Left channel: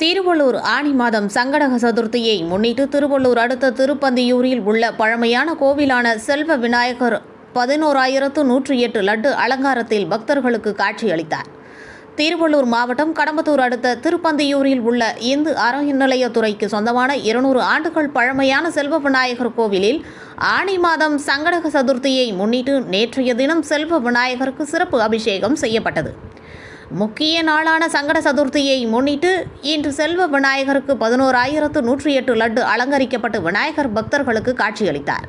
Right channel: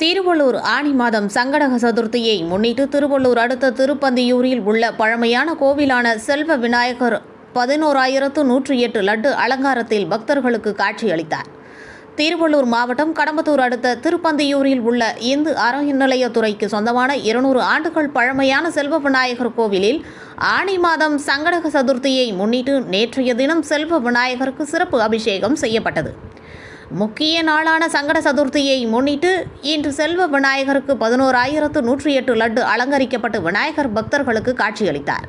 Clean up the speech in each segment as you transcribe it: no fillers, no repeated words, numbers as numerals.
திருவள்ளூர் ஆனி மாதம் சங்கடக சதுர்த்தியை முன்னிட்டு திருவள்ளூர் அடுத்த திருப்பந்தியூரில் உள்ள பழமையான கோவிலான செல்வ விநாயகர் 11,108 லட்டு அலங்காரத்தில் பக்தர்களுக்கு காட்சியளித்தார். திருவள்ளூர் மாவட்டம் கடம்பத்தூர் அடுத்த திருப்பந்தியூரில் உள்ள இந்து அறநிலையத்துறைக்கு சொந்தமான 200 ஆண்டுகள் பழமையான செல்வ விநாயகர் கோவிலில் ஆனி மாதம் சங்கடக சதுர்த்தியை முன்னிட்டு நேற்றைய தினம் செல்வ விநாயகருக்கு சிறப்பு அபிஷேகம் செய்யப்பட்டது. முக்கிய நாளான சங்கட சதுர்த்தியை முன்னிட்டு இன்று செல்வ விநாயகருக்கு 11,108 லட்டு அலங்கரிக்கப்பட்டு விநாயகர் பக்தர்களுக்கு காட்சியளித்தார்.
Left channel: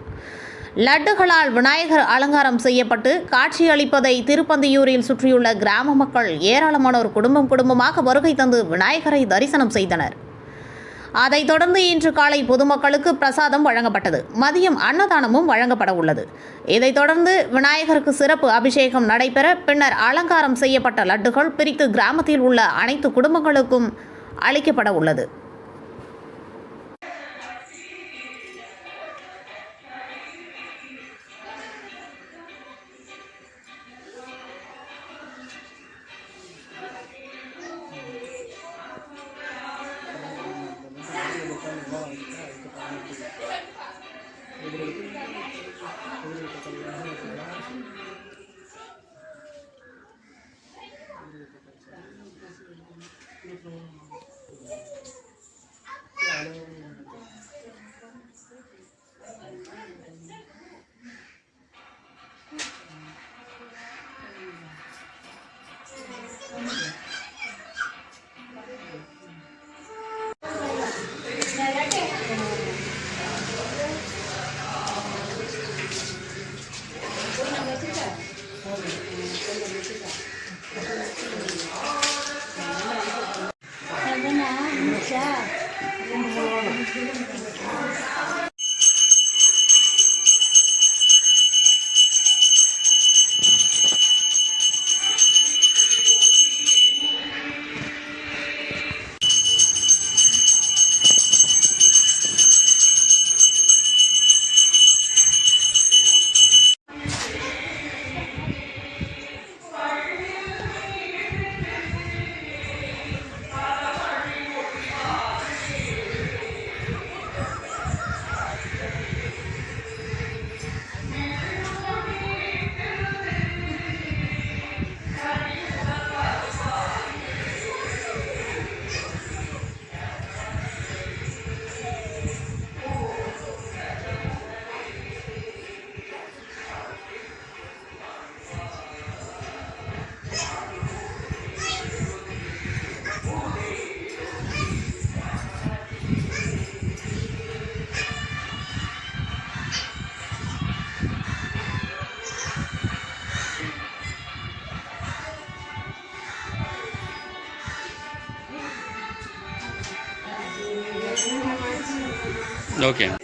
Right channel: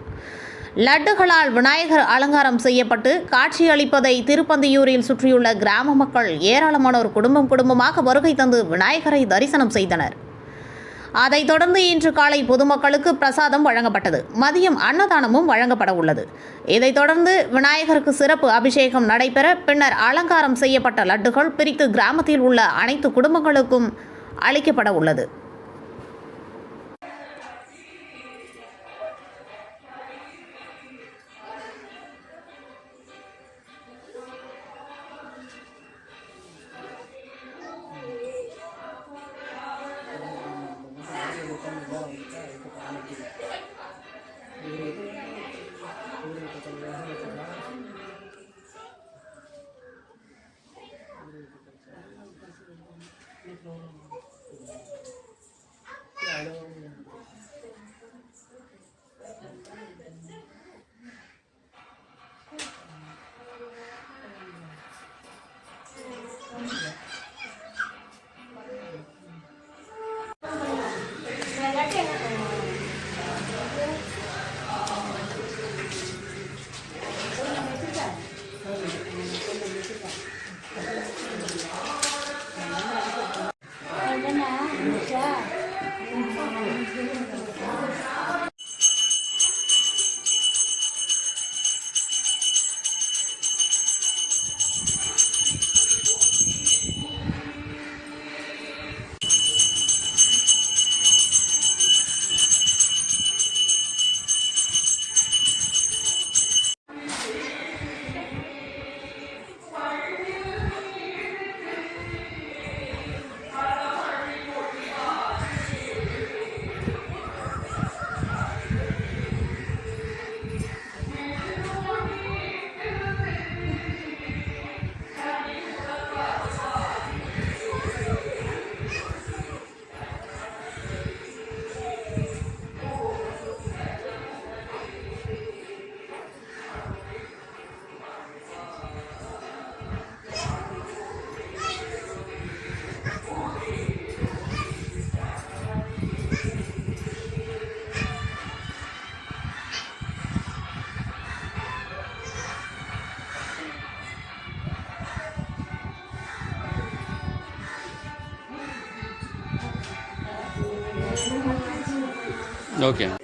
லட்டுகளால் விநாயகர் அலங்காரம் செய்யப்பட்டு காட்சியளிப்பதை திருப்பந்தியூரில் சுற்றியுள்ள கிராம மக்கள் ஏராளமானோர் குடும்பமாக வருகை தந்து விநாயகரை தரிசனம் செய்தனர். அதைத் தொடர்ந்து இன்று காலை பொதுமக்களுக்கு பிரசாதம் வழங்கப்பட்டது. மதியம் அன்னதானமும் வழங்கப்பட உள்ளது. இதைத் தொடர்ந்து விநாயகருக்கு சிறப்பு அபிஷேகம் நடைபெற பின்னர் அலங்காரம் செய்யப்பட்ட லட்டுகள் பிரித்து கிராமத்தில் உள்ள அனைத்து குடும்பங்களுக்கும் அளிக்கப்பட உள்ளது. Okay.